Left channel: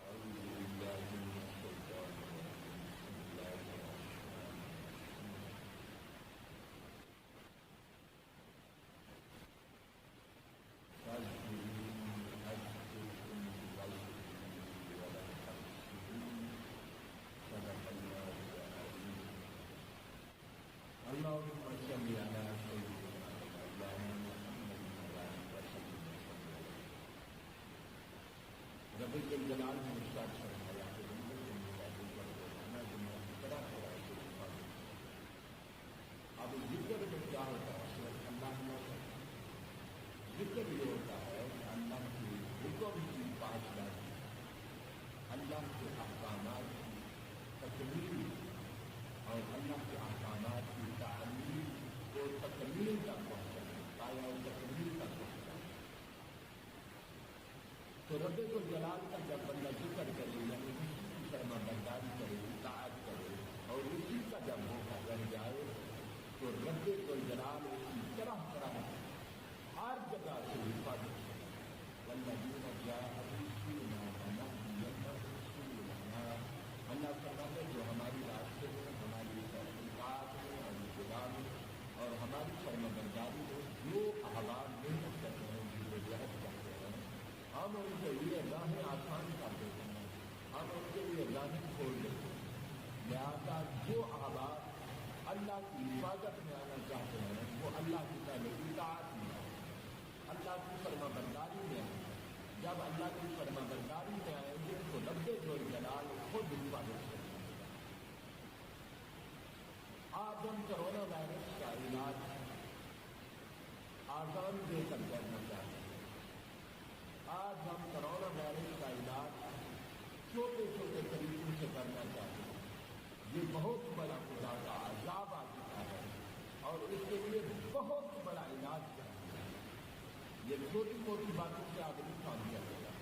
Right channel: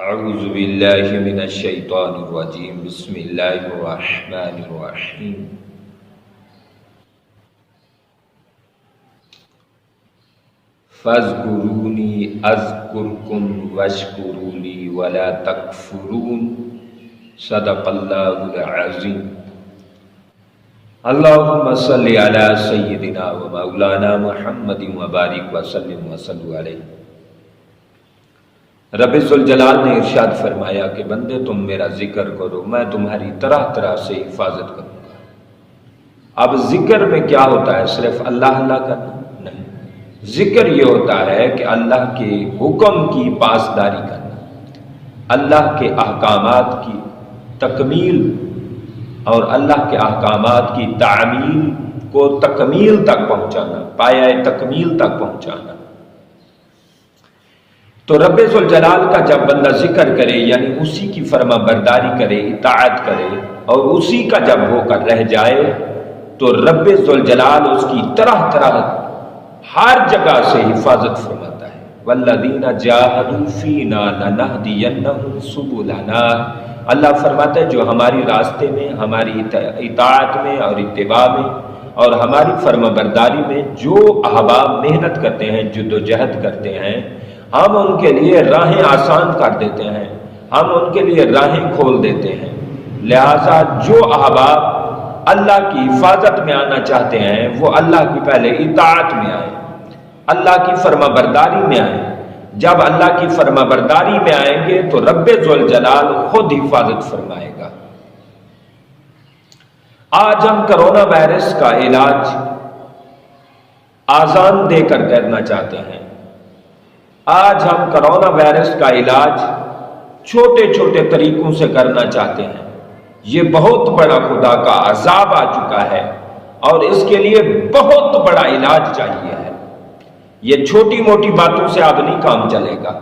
اعوذ باللہ من الشیطان الرجیم بسم اللہ الرحمن الرحیم فاذکرونی اذکرکم واشکروا لی ولا تکفرون صدق اللہ العظیم۔ اللہم صلی علی سیدنا و مولانا محمد وبارک وسلم وصلوا علیہ۔ رب ذوالجلال نے ارشاد فرمایا کہ بندے تم میرا ذکر کرو، میں تمہاری طرح طرح سے حفاظت کروں گا۔ اب ذکر میں کیا ہوتا ہے؟ صرف اللہ اللہ کرنا نہیں، ذکر یہ ہوتا ہے کہ اللہ کے حکم کی پاسداری کرنا، اللہ کے احکامات کی تکمیل اور اللہ کے احکامات کی تعمیل کو تکمیل تک پہنچانا، پایہ تکمیل تک پہنچانا۔ تو رب ذوالجلال کا جب بندہ ذکر کرے یعنی اسی کی فرما برداری کرے، اطاعت کرے اور اسی کا جب ہو کر رہ جائے تو رب ذوالجلال اس کی طرح طرح ہر جگہ سے حفاظت فرماتا ہے۔ والذین جاہدوا فینا لنہدینہم سبلنا، اللہ فرماتا ہے جو ہماری راستے میں، ہماری اطاعت میں اور اتباع میں اور ہماری فرما برداری میں جو احباب محنت کرتے ہیں، جدوجہد کرتے ہیں، ہم ان کے لیے راہیں آسان کر دیتے ہیں، ہم ان کے لیے راہیں کھول دیتے ہیں۔ لہٰذا جو احباب اللہ کی حفاظت میں آنا چاہتے ہیں وہ اللہ کی پہلے اطاعت میں آئیں، اللہ کی فرما برداری میں آئیں۔ جب اللہ کی فرما برداری میں آئیں گے تو رب ذوالجلال خود حفاظت فرمائے گا۔ آج ہم کرونا وائرس کا علاج آزان دے کر کرنا چاہتے ہیں۔ آج ہم کرونا وائرس کا علاج چھوٹے چھوٹے طریقوں سے کرنا چاہتے ہیں۔ یہ بہت بڑا خدا کا عذاب آ چکا ہے اور اس کے لیے بہت بڑا علاج چاہیے ہے۔ یہ چھوٹی موٹی باتوں سے اب نہیں کام چلے گا۔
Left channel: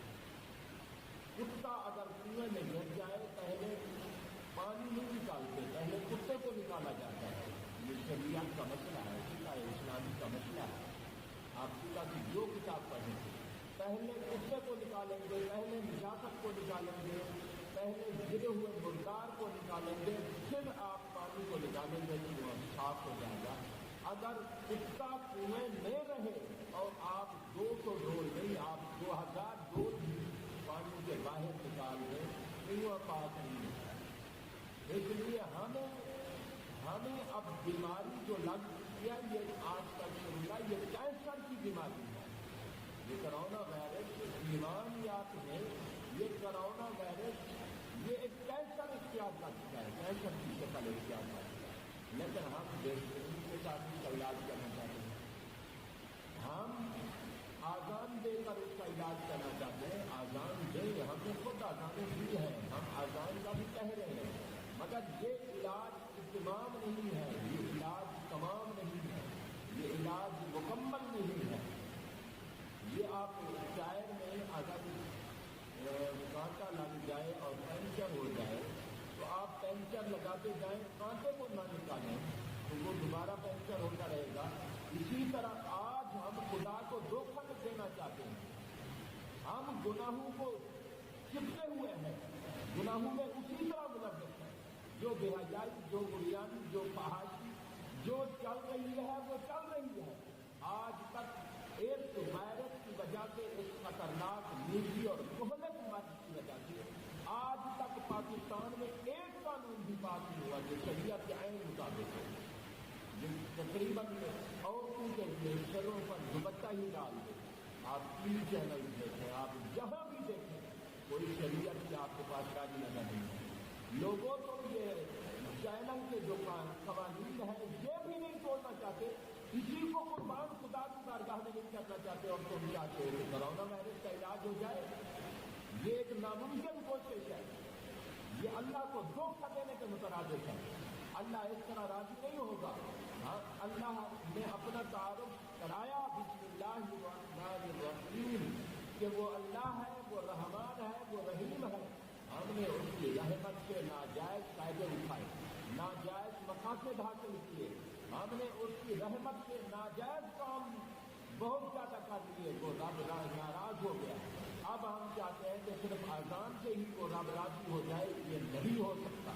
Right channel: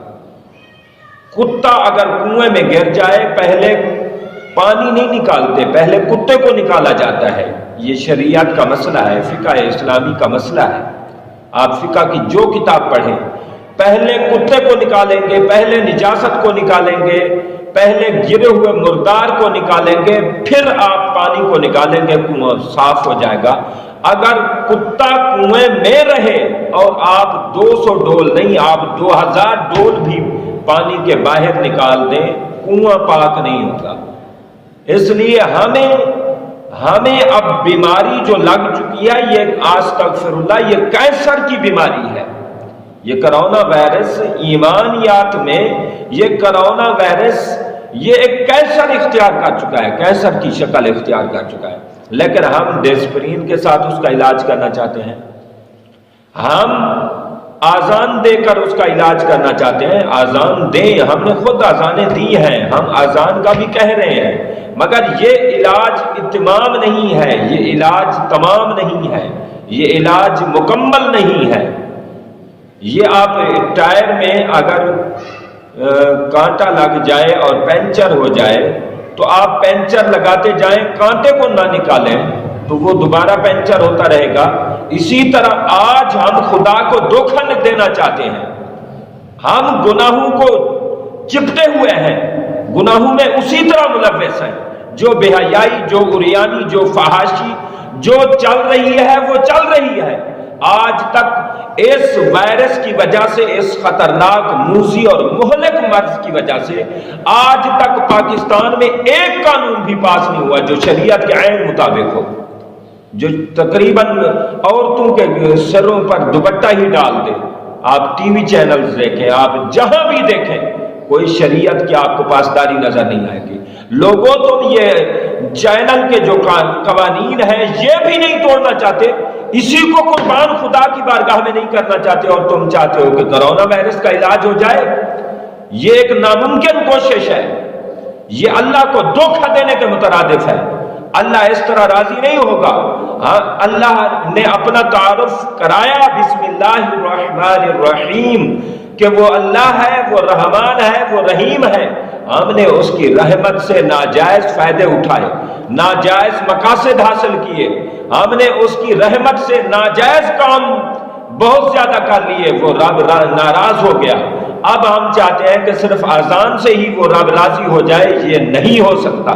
کتا اگر کنویں میں گر جائے پہلے پانی نہیں نکالتے، پہلے کتے کو نکالا جاتا ہے۔ یہ شریعت کا مسئلہ ہے، فقہ اسلامی کا مسئلہ ہے۔ آپ فقہ کی جو کتاب پڑھیں، پہلے کتے کو نکالیں گے، پہلے نجاست کو نکالیں گے، پہلے گرے ہوئے مردار کو نکالیں گے، پھر آپ پانی کو نکالیں گے، کنواں صاف ہو جائے گا۔ اگر کتا کنویں میں رہے اور آپ 200 ڈول نہیں، آپ 2000 ڈول بھی پانی کے باہر نکال دیں، کنواں پاک نہیں ہوگا۔ اس لیے ہمیں اب بیماری جو لگ چکی ہے، یہ استغفر اللہ، یہ کینسر کی بیماری ہے۔ یہ کرونا وائرس ایمانیات میں یہ کرونا وائرس یہ ایک کینسر اختیار کر چکا ہے، کینسر کی شکل اختیار کر چکا ہے، لیکن ہم ڈسپرین کے ساتھ اس کا علاج کرنا چاہتے ہیں، ہم آزان دے کر اس کا علاج کرنا چاہتے ہیں۔ آزان دیں، ہم نے خود آزانیں دی ہیں، ہم آزان کا بھی کہہ رہے ہیں، مگر یہ علاج اتمام نہیں ہے، یہ علاج تمام نہیں ہے، یہ علاج مکمل نہیں ہے۔ یہ آپ ٹائر میں اگر کانٹا لگ جائے اور پنچر ہو جائے تو آپ پنچر لگاتے جائیں، کانٹے کو نہ نکالیں تو وہ دوبارہ پنچر ہوتا رہے گا۔ اسی طرح آج ہم خدا کو دھوکہ دینا چاہتے ہیں، ہم گناہوں کو چپٹے ہوئے ہیں، گناہوں میں اسی طرح ملوث ہیں۔ جو بے حیائی، جو عریانی، جو فحاشی جو چل رہی ہے وہ چل رہی ہے۔ آج تک اس وائرس کی وجہ سے، اس خطرناک موذی اور مہلک مرض کی وجہ سے آج تک پاکستان میں ایک قانون بھی پاس نہیں ہوا جو شریعت کے عین مطابق ہو، جو تقریباً عورتوں کے سروں پر دوپٹہ ہی ڈال دے۔ آپ ٹی وی چینلز دیکھیں، آپ جہاں بھی دیکھیں، کوئی شریعت کی آپ کو پاسداری نظر نہیں آئے گی۔ لوگوں تم یہ چینل کے جو قوانین ہیں یہ بھی نہیں توڑنا چاہتے، اسی کو قربان خدا کی بارگاہ میں نہیں کرنا چاہتے، اور تم چاہتے ہو کہ کرونا وائرس کا علاج ہو جائے۔ یہ ایک ناممکن کوشش ہے، یہ اللہ کو دھوکہ دینے کے مترادف ہے۔ اللہ اس طرح راضی نہیں ہوگا۔ اللہ نے اپنا تعارف کرایا بسم اللہ الرحمن الرحیم کہ وہ اللہ ہے، وہ رحمان ہے، وہ رحیم ہے۔ ہم نے اس کی رحمت سے ناجائز فائدے اٹھائے، ناجائز مقاصد حاصل کیے، ہم نے اس کی رحمت سے ناجائز کام بہت زیادہ کر لیے، وہ رب ناراض ہو گیا۔ اب ہم چاہتے ہیں کہ صرف اذان سے ہی وہ رب راضی ہو جائے، یہ نہیں ہو سکتا۔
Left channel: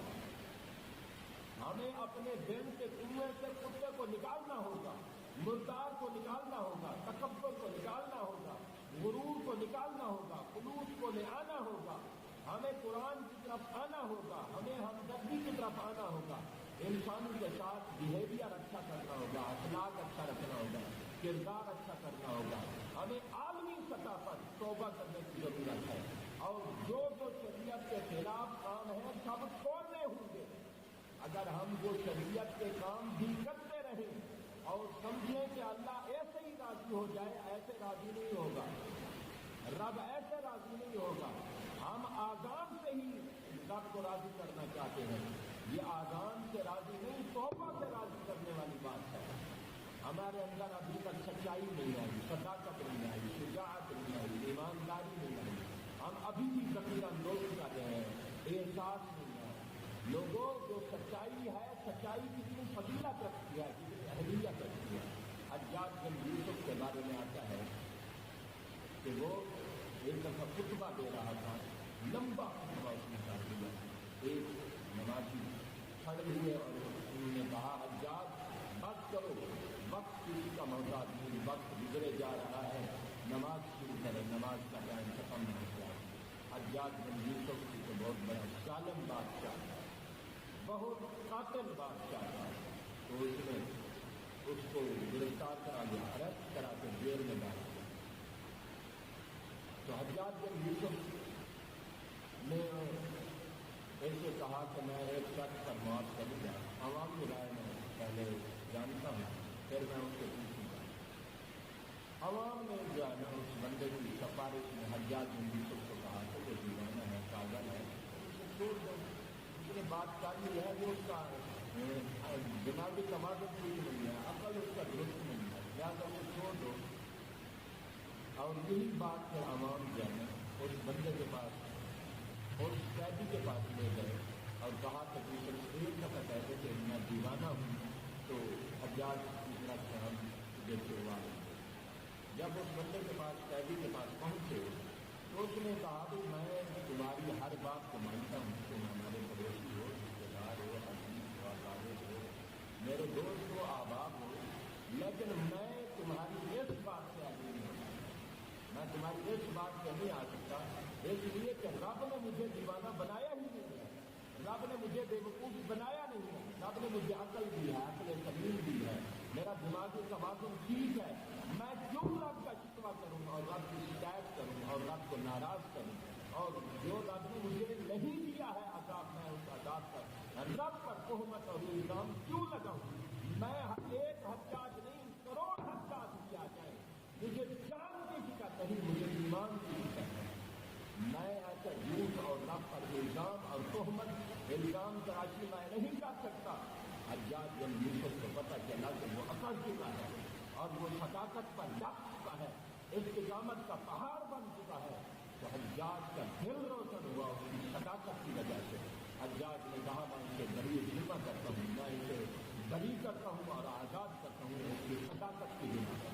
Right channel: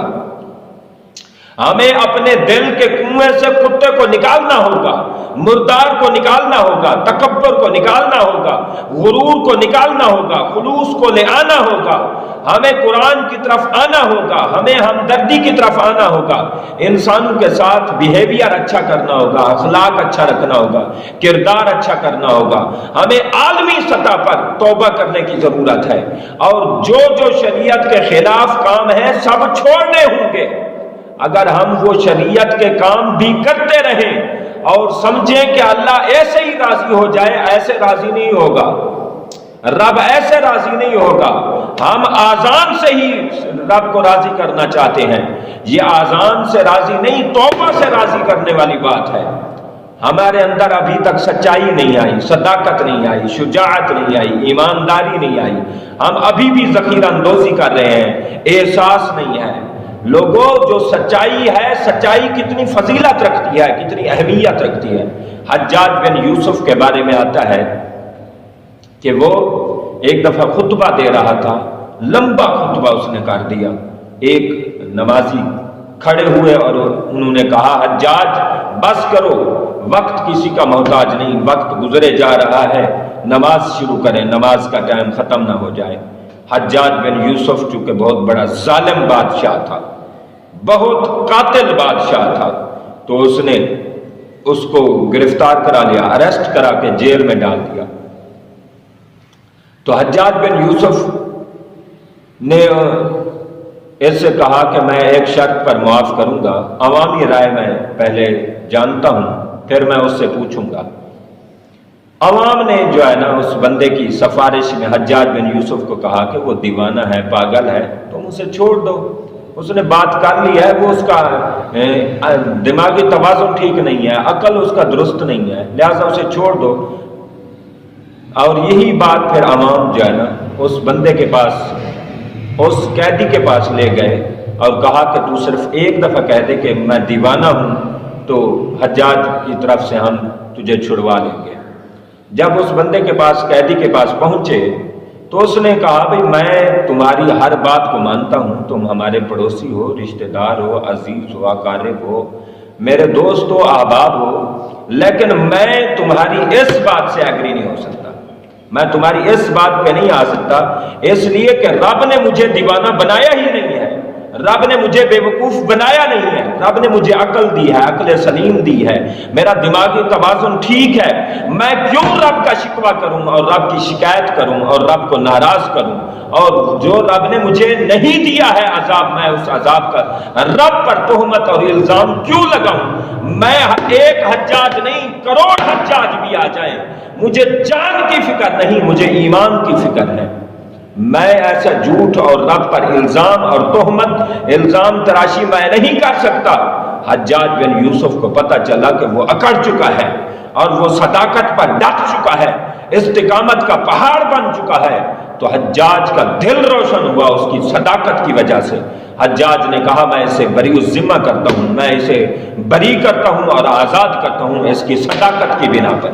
ہمیں اپنے دل کے کنویں سے کتے کو نکالنا ہوگا، مردار کو نکالنا ہوگا، تکبر کو نکالنا ہوگا، غرور کو نکالنا ہوگا، خلوص کو لے آنا ہوگا، ہمیں قرآن کی طرف آنا ہوگا، ہمیں ہمدردی کی طرف آنا ہوگا، انسانوں کے ساتھ بیہیویئر اچھا کرنا ہوگا، اخلاق اچھا رکھنا ہوگا، کردار اچھا کرنا ہوگا۔ ہمیں عالمی سطح پر توبہ کرنے کی ضرورت ہے، اور جو جو شریعت کے خلاف کام ہیں سب چھوڑنے ہوں گے۔ اگر ہم وہ شریعت کے کام بھی کرتے رہیں اور سمجھیں کہ اللہ ایسے ہی راضی ہو جائے، ایسے راضی نہیں ہوگا، رب ایسے راضی نہیں ہوگا۔ ہم آذان سے ہی رب کو راضی کرنا چاہتے ہیں، یہ آذان سے راضی نہیں، توبہ سے راضی کرنے والی بات ہے۔ ہمارے اندر ابھی تک سچائی نہیں آئی، صداقت نہیں آئی، شجاعت نہیں آئی، ایمانداری نہیں آئی، ہم ابھی بھی ذخیرہ اندوزی کر رہے ہیں، احساس نہیں ہے۔ لوگوں، جو سچائی ہے، سچائی کتنی فضیلت رکھتی ہے، کتنی اہمیت رکھتی ہے۔ حجاج بن یوسف کے بارے میں آتا ہے کہ وہ ایک دفعہ خطبہ دے رہا تھا، لمبا خطبہ اس نے کر دیا۔ ایک نمازی کھڑے ہوئے اور انہوں نے کہا، حجاج بس کرو، وقت کسی کا محتاج نہیں، وقت گزرے جا رہا ہے، نماز شروع کریں، نماز کا ٹائم ختم نہ ہو جائے۔ حجاج بن یوسف چونکہ بہت بڑا ظالم بادشاہ تھا، بہت قاتل بادشاہ تھا، تو اس نے اس کو گرفتار کرا لیا، اریسٹ کرا کے جیل میں ڈال دیا۔ تو حجاج بن یوسف نے اس سے کہا کہ میں ایک شرط پر معاف کروں گا، عوامی رائے میں پہلے جانتا ہوں، پھر میں اس سے پوچھوں گا۔ عوام نے جو ہے نا اس بندے کی سفارش میں حجاج بن یوسف کو کہا کہ وہ دیوانہ ہے، پاگل ہے، تم اسے چھوڑ دو، اس نے بات کر لی ہے، وہ اس کا دماغی توازن ٹھیک نہیں ہے، عقل اس کا درست نہیں ہے، لہذا اسے چھوڑ دو۔ اور یہی بات پھر عوام جو ہے نا اس بندے کے پاس، اس قیدی کے پاس لے گئے اور کہا کہ تو صرف ایک دفعہ کہہ دے کہ میں دیوانہ ہوں تو حجاج کی طرف سے ہم تجھے چھڑوا لیں گے۔ جب اس بندے کے پاس، قیدی کے پاس پہنچے تو اس نے کہا، بھئی میں تمہاری ہر بات کو مانتا ہوں، تم ہمارے پڑوسی ہو، رشتہ دار ہو، عزیز ہو، اقارب ہو، میرے دوست ہو، احباب ہو، لیکن میں تمہاری اس بات سے ایگری نہیں ہو سکتا، میں تمہاری اس بات پہ نہیں آ سکتا، اس لیے کہ رب نے مجھے دیوانہ بنایا ہی نہیں ہے، رب نے مجھے بے وقوف بنایا نہیں ہے، رب نے مجھے عقل دی ہے، عقل سلیم دی ہے، میرا دماغی توازن ٹھیک ہے، میں کیوں رب کا شکوہ کروں اور رب کی شکایت کروں اور رب کو ناراض کروں، اور جو رب نے مجھے نہیں دیا ہے عذاب، میں اس عذاب کا رب پر تہمت اور الزام کیوں لگاؤں؟ میں ایک حجاج نہیں، کروڑ حجاج بھی آ جائیں، مجھے جان کی فکر نہیں، مجھے ایمان کی فکر ہے۔ میں ایسا جھوٹ اور رب پر الزام اور تہمت، الزام تراشی میں نہیں کر سکتا۔ حجاج بن یوسف کو پتہ چلا کہ وہ اکڑ چکا ہے اور وہ صداقت پر ڈٹ چکا ہے، استقامت کا پہاڑ بن چکا ہے، تو حجاج کا دل روشن ہوا اس کی صداقت کی وجہ سے۔ حجاج نے کہا، میں اسے بری الذمہ کرتا ہوں، میں اسے بری کرتا ہوں اور آزاد کرتا ہوں اس کی صداقت کی بنا پر۔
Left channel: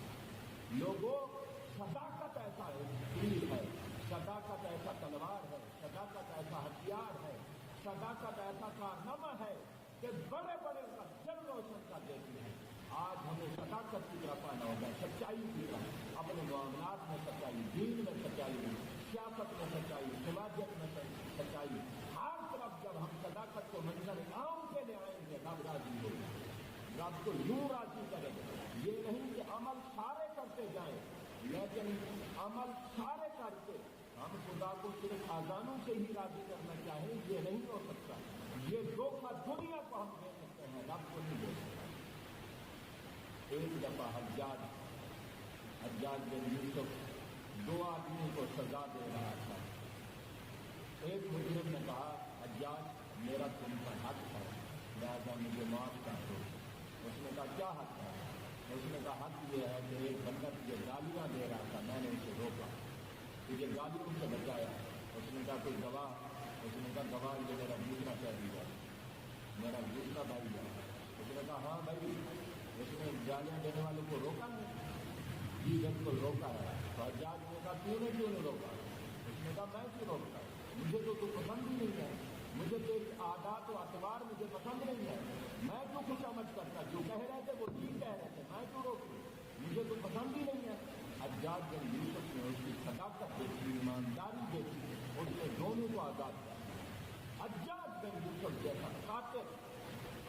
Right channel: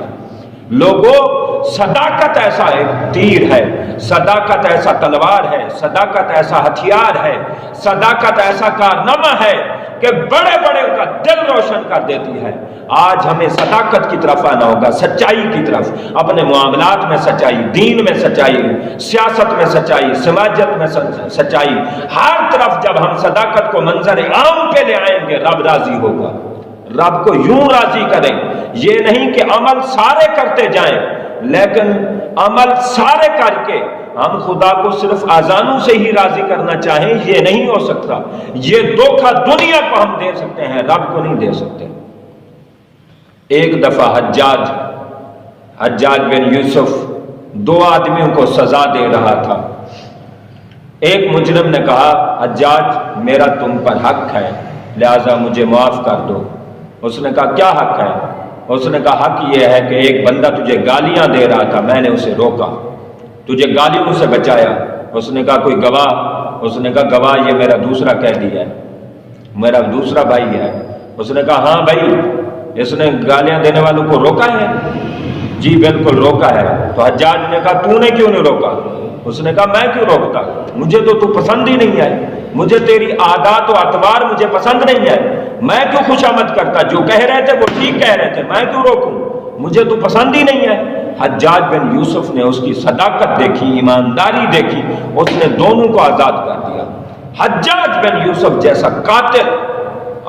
لوگوں، صداقت ایسا ایک تیر ہے، صداقت ایسا تلوار ہے، صداقت ایسا ہتھیار ہے، صداقت ایسا کارنامہ ہے کہ بڑے بڑے کا دل روشن کر دیتی ہے۔ آج ہمیں صداقت کی طرف آنا ہوگا، سچائی کی طرف، اپنے معاملات میں سچائی، دین میں سچائی، سیاست میں سچائی، سماجت میں سچائی، ہر طرف جب ہم صداقت کو منظر عام پہ لے آئیں گے، رب راضی ہوگا۔ رب کو یوں راضی کریں، یہ نہیں کہ عمل سارے کرتے جائیں، لیکن عمل سارے کر کے ہم خدا کو صرف اذانوں سے ہی راضی کرنا چاہیں، یہ نہیں ہو سکتا۔ یہ دھوکہ دنیا کو ہم دے سکتے ہیں، رب کو نہیں دے سکتے۔ ایک دفعہ حجاج بن یوسف دو آدمیوں کو سزا دے رہا تھا۔ ایک مجرم نے کہا، حجاج میرا تم پر حق ہے، لہذا مجھے معاف کر دو۔ اس نے کہا، کیا حق ہے؟ اس نے کہا، حق یہ ہے کہ ایک بندہ تجھے گالیاں دے رہا تھا، میں نے اسے روکا، تجھے گالیوں سے بچایا۔ اس نے کہا، کوئی گواہ؟ اس نے کہا، گواہ یہ میرا دوسرا قیدی ہے، میرا دوسرا بھائی ہے۔ اس نے کہا، ہاں بھائی، اس نے گالیاں دینے والوں کو روکا ہے۔ جی بالکل روکا ہے۔ تو حجاج نے کہا تو نے کیوں نہیں روکا؟ اس نے کہا میں کیوں روکتا، مجھے تو پسند ہی نہیں آئی، مجھے تیری عادات و اطوار مجھے پسند نہیں آئے، میں کیوں خوشامد کرتا، جو کہہ رہے تھے وہ ٹھیک کہہ رہے تھے، میں کیوں روکوں، مجھے تو پسند ہی نہیں ہے۔ حجاج بن یوسف نے اس کی صداقت دیکھی، ایمانداری دیکھی، اس نے دونوں کو آزاد کر دیا۔ حجاج بن یوسف جیسا قاتل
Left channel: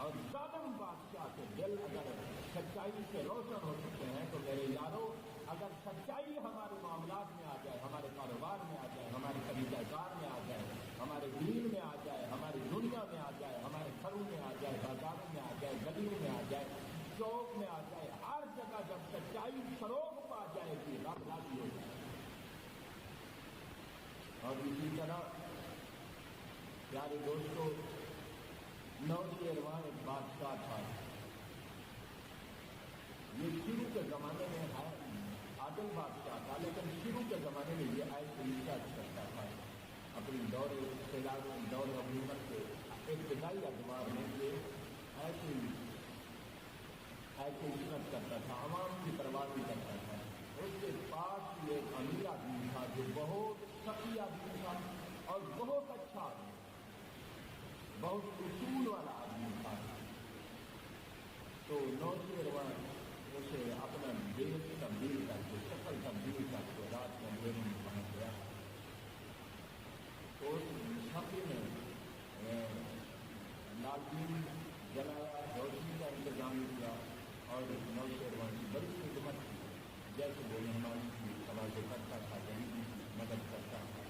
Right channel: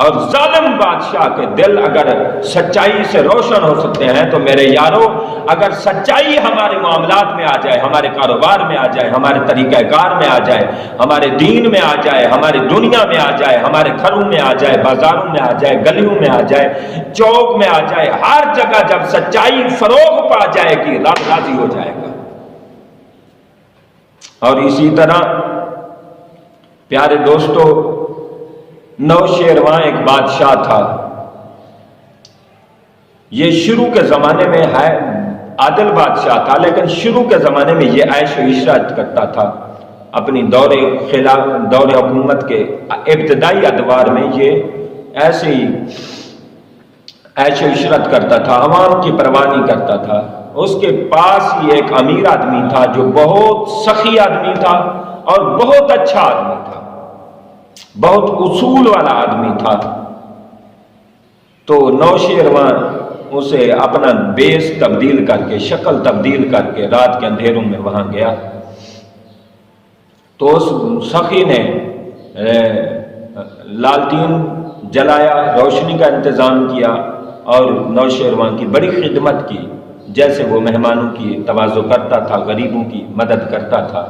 اور ظالم بادشاہ کے دل اگر سچائی سے روشن ہو سکتے ہیں تو میرے یارو، اگر سچائی ہمارے معاملات میں آ جائے، ہمارے کاروبار میں آ جائے، ہمارے طریقہ کار میں آ جائے، ہمارے دین میں آ جائے، ہماری دنیا میں آ جائے، ہمارے گھروں میں آ جائے، بازاروں میں آ جائے، گلیوں میں آ جائے، چوک میں آ جائے، ہر جگہ جب سچائی فروغ پا جائے گی، رب راضی ہو جائے گا۔ اور اسی طرح پیارے دوستو، نوشیروان ایک بادشاہ تھا۔ یہ شروع کے زمانے میں ہے عادل بادشاہ تھا، لیکن شروع کے زمانے میں یہ عیش و عشرت کرتا تھا۔ اپنی دور حکومت کے ابتدائی ادوار میں یہ ایسے ہی عیش و عشرت کرتا تھا، عوام کی پرواہ نہیں کرتا تھا۔ اس کے پاس ہی ایک امیر آدمی تھا جو بہت سخی آدمی تھا اور بہت اچھا آدمی تھا، بہت اصول والا آدمی تھا۔ تو نوشیروان اسے اپنا بیس تبدیل کر کے، شکل تبدیل کر کے رات کے اندھیروں میں وہاں گیا۔ تو اس سخی نے لالٹین جلایا، روشنی کا انتظام کیا اور نوشیروان کی بڑی خدمت کی، جیسے وہ مہمانوں کی تواضع کرتا تھا، غریبوں کی مدد کرتا تھا،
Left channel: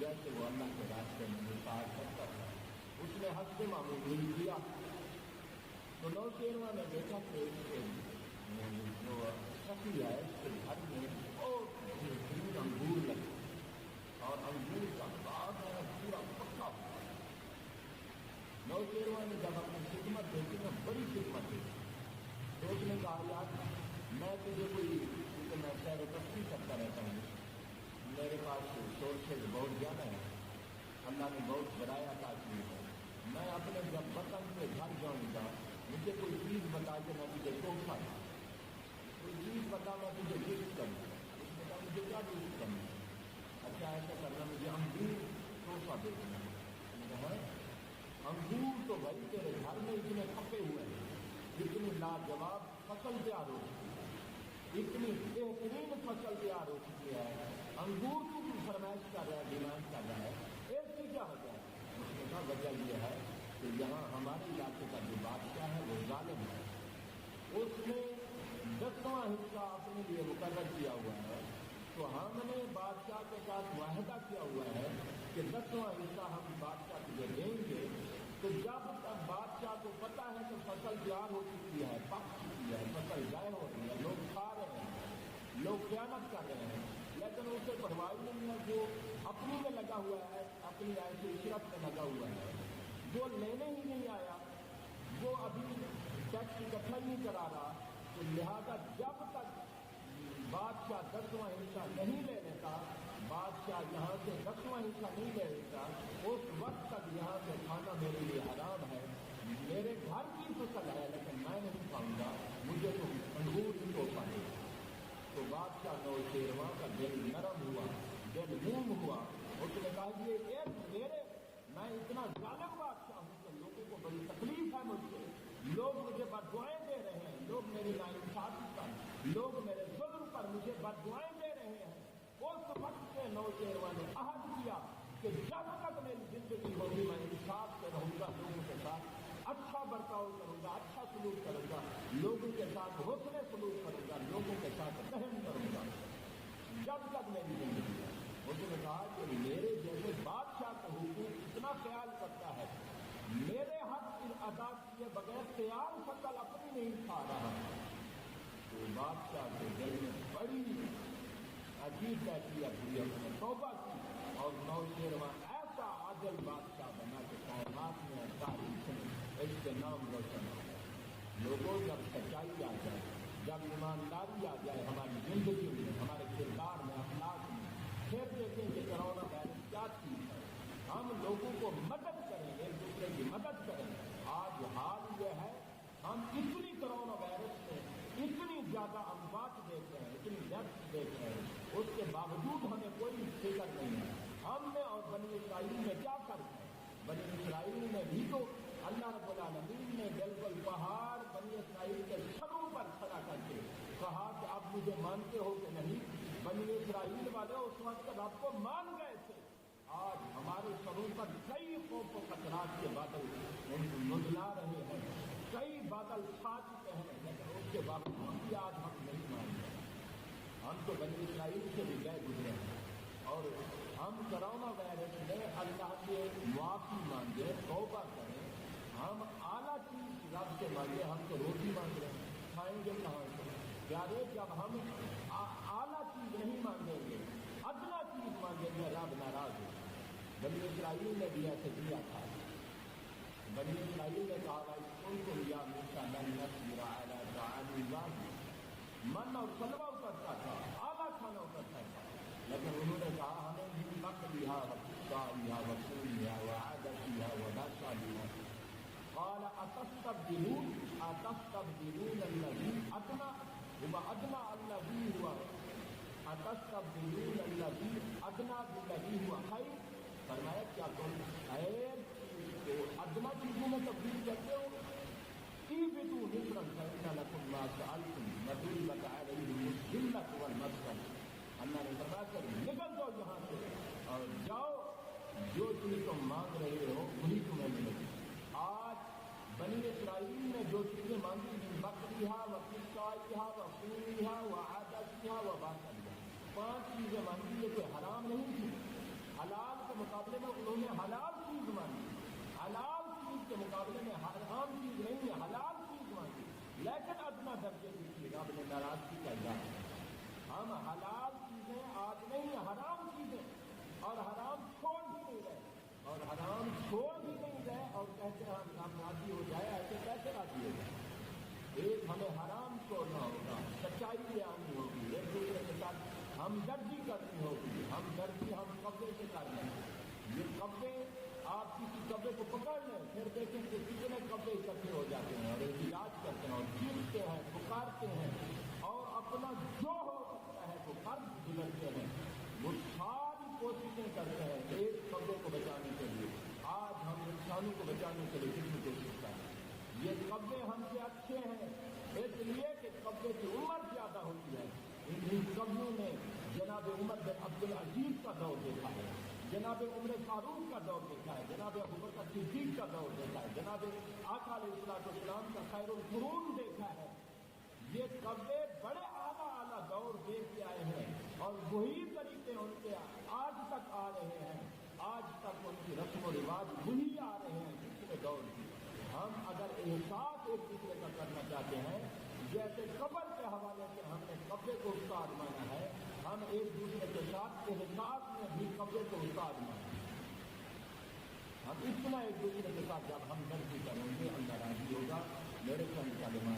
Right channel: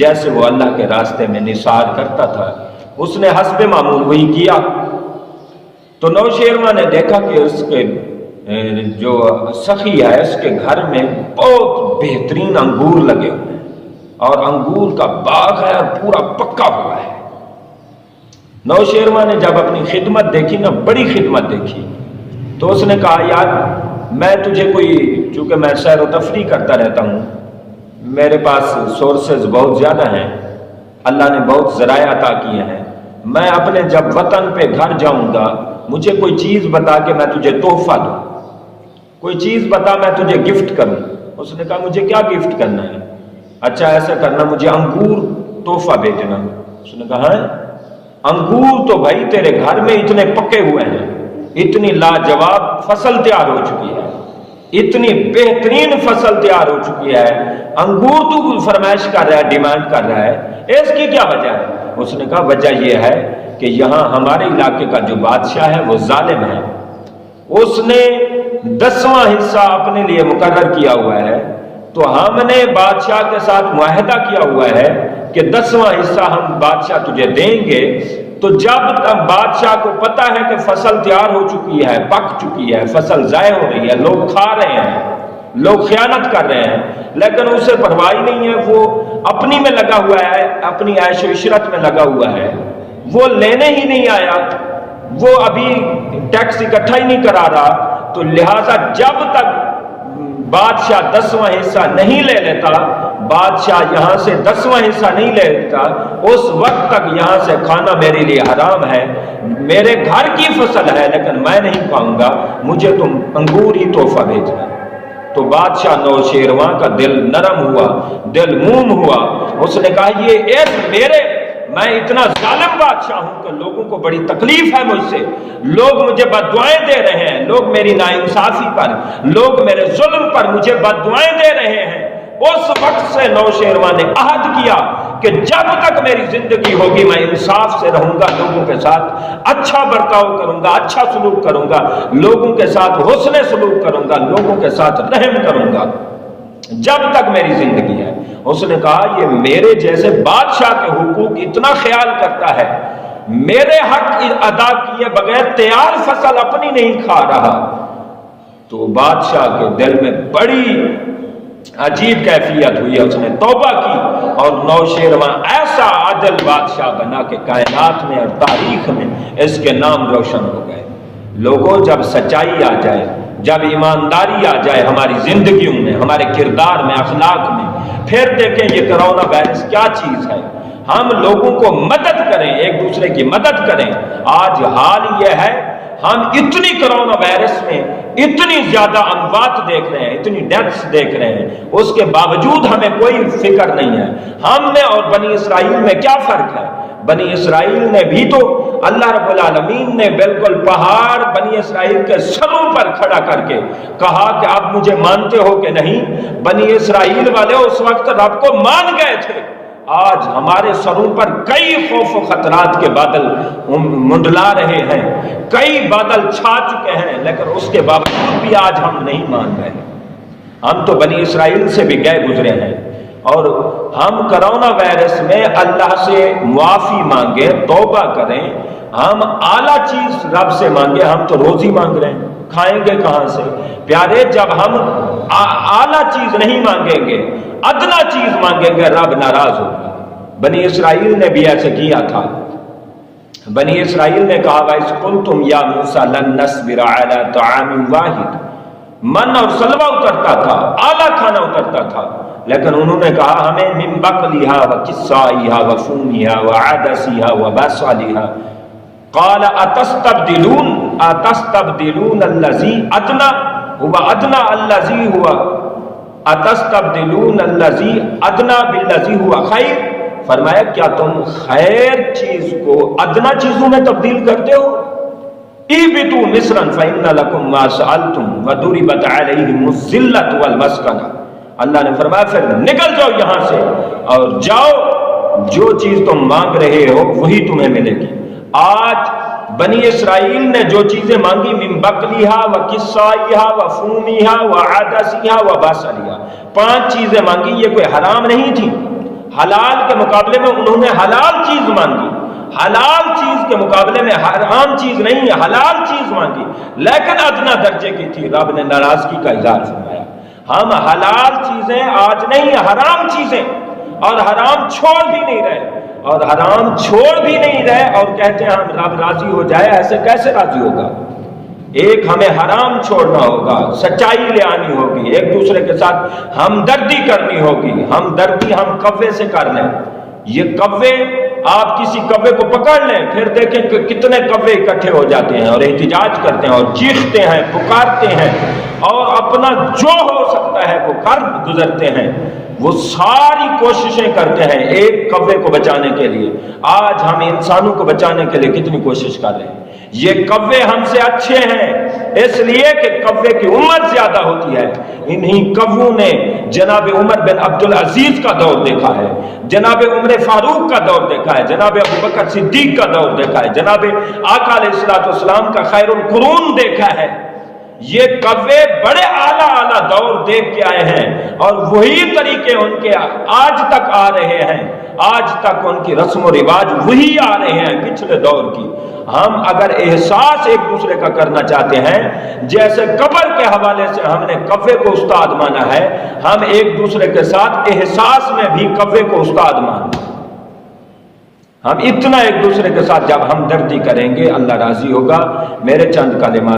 جیسے وہ اللہ کے راستے میں نثار کرتا تھا، اس نے حسب معمول وہی کیا۔ تو نوشیروان نے دیکھا کہ اس کے جو سخی ہے اس کے گھر میں بہت بہترین انگور لگے ہوئے ہیں اور انگور کا باغ ہے اور پورا پکا ہوا ہے۔ نوشیروان نے جب اپنی خدمت دیکھی نا، بڑی خدمت دیکھی، تو اس نے کہا یار میں تجھے چونکہ میں سیر و تفریح کرتا رہتا ہوں، میرے پاس سورسز بہت زیادہ ہیں، اللہ نے بہت ذرائع عطا کیے ہیں، میں اپنے جب وطن پہ گھر جاؤں گا مجھے کوئی چیز بتا کہ میں تجھے تحفہ دوں، کوئی چیز بتا میں تجھے گفٹ کروں۔ اس نے کہا مجھے کیا گفٹ کرنا ہے؟ اچھا ایسا کرنا، مجھے انگور تحفہ بھیجنا۔ اس نے کہا ہے انگور تو بھائی تیرے گھر میں اتنے پکے ہوئے ہیں، اتنی لاجواب فصل تیار ہو چکی ہے، اتنی بہترین فصل تیار ہو چکی ہے، انگور تو فرمائش کر رہا ہے، ڈیمانڈ کر رہا ہے، اس کی کیا وجہ ہے؟ اس نے کہا وجہ یہ ہے کہ یہاں ہمارے علاقے کا جو بادشاہ ہے وہ ظالم ہے، اس نے 10واں حصہ اپنے لیے مقرر کیا ہوا ہے، تو ہم نے بادشاہ کے ساتھ معاہدہ کیا ہوا ہے کہ 10واں حصہ ہم بادشاہ تجھے دیں گے۔ تو جب تک بادشاہ کو پتا ہے کہ فصل تیار ہو چکی ہے، پک چکی ہے، فصل ضائع ہو رہی ہے، لوگ کھا رہے ہیں، لوگ خیانت کر رہے ہیں، لیکن اسے پرواہ نہیں ہے، وہ اپنی میں لگا ہوا ہے، اپنی عیش و عشرت میں لگا ہوا ہے، وہ لینے ہی نہیں آیا، وہ ابھی ٹیکس اکٹھا ہی نہیں کرا رہا۔ تو لہٰذا جب تک بادشاہ 10واں حصہ نہیں لے لیتا، بادشاہ یہاں سے 10واں حصہ نہیں لے لیتا، اس وقت تک یہاں سے کھانا میرے لیے حرام ہے، میرے گھر کی فصل ہے لیکن میں نہیں کھاؤں گا، مجھے تم انگور ہی تحفہ بھیجنا۔ تو بادشاہ نوشیروان کا دل نرم ہوا، دل موم ہوا، اس نے کہا میں اتنا ظالم بادشاہ ہوں کہ لوگوں کو بڑی تکلیف ہے مجھ سے، لوگ مجھے بددعائیں دے رہے ہیں، لوگ میری ناانصافی پر، لوگ میرے ظلم پر مجھے بددعائیں دے رہے ہیں۔ اس وقت سے نوشیروان نے عہد کیا کہ جب تک میری زندگی ہوگی میں انصاف سے رہوں گا، لوگوں کے ساتھ اچھا برتاؤ کروں گا، اچھا سلوک کروں گا، لوگوں کے ساتھ حسن سلوک کروں گا، لوگوں کے ساتھ رحم کروں گا جب تک میری زندگی ہے۔ اس نے کہا یہ میرے جیسے بادشاہ کے حقوق اتنا خیال کرتا ہے، میرے حق ادا کیے بغیر تیار فصل اپنی نہیں کھا رہا۔ تو بادشاہ کے دل میں بڑی عجیب کیفیت ہوئی، اس نے توبہ کی اور نوشیروان ایسا عادل بادشاہ بنا کہ کائنات میں اور تاریخ میں اس کے نام روشن ہو گئے۔ لوگوں جب سچائی آ جائے، جب ایمانداری آ جائے ہماری زندگیوں میں، ہمارے کردار میں، اخلاق میں، پھر دیکھیں یہ کرونا وائرس کیا چیز ہے، ہم لوگوں کو مدد کریں، ایک دوسرے کی مدد کریں۔ آج حال یہ ہے ہم اتنی کرونا وائرس میں اتنی زیادہ اموات دیکھ رہے ہیں، اتنی ڈیتھس دیکھ رہے ہیں، اس کے باوجود ہمیں کوئی فکر نہیں ہے۔ ہم میں اور بنی اسرائیل میں کیا فرق ہے؟ بنی اسرائیل نے بھی تو اللہ رب العالمین نے بالکل پہاڑ بنی اسرائیل کے سروں پر کھڑا کر کے کہا کہ اب مجھے مانتے ہو کہ نہیں؟ بنی اسرائیل والے اس وقت رب کو مان گئے تھے۔ آج ہمارے سروں پر کئی خوف و خطرات کے بادل منڈلا رہے ہیں، کئی بادل چھا چکے ہیں، لیکن اس کے باوجود بھی آج ہم نہیں مان رہے۔ ہم تو بنی اسرائیل سے بھی گئے گزرے ہیں، اور ہم کرونا وائرس میں اللہ سے معافی مانگے، توبہ کریں، ہم اعلیٰ چیز رب سے مانگے۔ ہم تو روزی مانگ رہے ہیں، کھائیں گے کہاں سے؟ پیارے، جب ہم اعلیٰ چیز نہیں مانگیں گے، ادنا چیز مانگیں گے، رب ناراض ہوگا۔ بنی اسرائیل نے بھی ایسے کیا تھا۔ بنی اسرائیل نے کہا وَإِذْ قُلْتُمْ يَا مُوسَىٰ لَن نَّصْبِرَ عَلَىٰ طَعَامٍ وَاحِدٍ، من اور سلوہ اترتا تھا، اعلیٰ کھانا اترتا تھا، لیکن انہوں نے کہا ہمیں من بقلیہا و کسائیہا و فومیہا و عدسیہا و باسالیہا۔ قال اتستبدلون الذی ادنا هو ادنا الذی هو اتستبدلون الذی ادنا بالذی هو خیر، فرمایا کیا تم خیر چیز کو ادنا چیزوں میں تبدیل کرتے ہو؟ اِہْبِطُوا مِصْرًا فَإِنَّ لَكُمْ مَا سَأَلْتُمْ وَضُرِبَتْ عَلَيْهِمُ الذِّلَّةُ وَالْمَسْكَنَةُ۔ اللہ نے فرمایا پھر نکل جاؤ یہاں سے اور جاؤ، جو چیز تم مانگ رہے ہو وہی تمہیں ملے گی۔ آج بنی اسرائیل نے جو چیزیں مانگی، من بقلیہا و کسائیہا و فومیہا و عدسیہا و باسالیہا، 5 چیزیں مانگی، یہ کوئی حرام نہیں تھی۔ حلال کے مقابلے میں انہوں نے حلال چیز مانگی، حلال چیز کے مقابلے میں حرام چیز نہیں ہے، حلال چیز مانگی، لیکن ادنا درجے کی تھی۔ رب نے ناراضگی کا اظہار فرمایا۔ ہم حلال چیزیں آج نہیں، حرام چیزیں، اور حرام چھوڑ بھی نہیں رہے، اور حرام چھوڑ بھی نہیں رہے، اور کہتے ہیں ہم رب راضی ہو جائے۔ ایسے کیسے راضی ہوگا؟ ایک ہمیں حرام چھوڑنا ہوگا، سچائی لے آنی ہوگی، ایک دوسرے کے ساتھ ہمدردی کرنی ہوگی۔ ہمدردی ہم کوے سے کر لیں۔ یہ کوے، آپ کسی کوے کو پکڑ لیں، پھر دیکھیں کہ کتنے کوے اکٹھے ہو جاتے ہیں اور احتجاج کرتے ہیں اور چیختے ہیں، پکارتے ہیں، اور اپنا جو ہو سکتا ہے وہ کر گزرتے ہیں۔ وہ ساری کوششیں کرتے ہیں ایک کوے کو بچانے کے لیے۔ آج ہم انسانوں کو بچانے کے لیے کتنی کوشش کر رہے ہیں۔ یہ کوے ہم سے اچھے ہیں اس لیے کہ کوے کی عمر زیادہ ہوتی ہے۔ انہی کووں نے جناب عمر بن عبدالعزیز کا دور دیکھا ہے، جناب عمر فاروق کا دور دیکھا ہے، جناب ابوبکر صدیق کا دور دیکھا ہے، جناب آقا علیہ السلام کا خیر القرون دیکھا ہے۔ یہ کوے بڑے اعلیٰ دور دیکھ کے آئے ہیں، اور وہی طریقے ان کے آج تک آ رہے ہیں، آج تک ان کی رسم و رواج وہی آ رہے ہیں پچھلے دور کی۔ ہم اگر احساس ایک دوسرے کا کرنا چاہتے ہیں، جیسے قبر کے حوالے سے ہم نے کوے کو استاد مانا ہے، ہم ایک دوسرے کے ساتھ احساس میں بھی کوے کو استاد مانیں۔ ہم اتنا ایک دوسرے کے ساتھ جب ہمدردی کریں گے، اللہ راضی ہوگا۔ میرے چند کلمات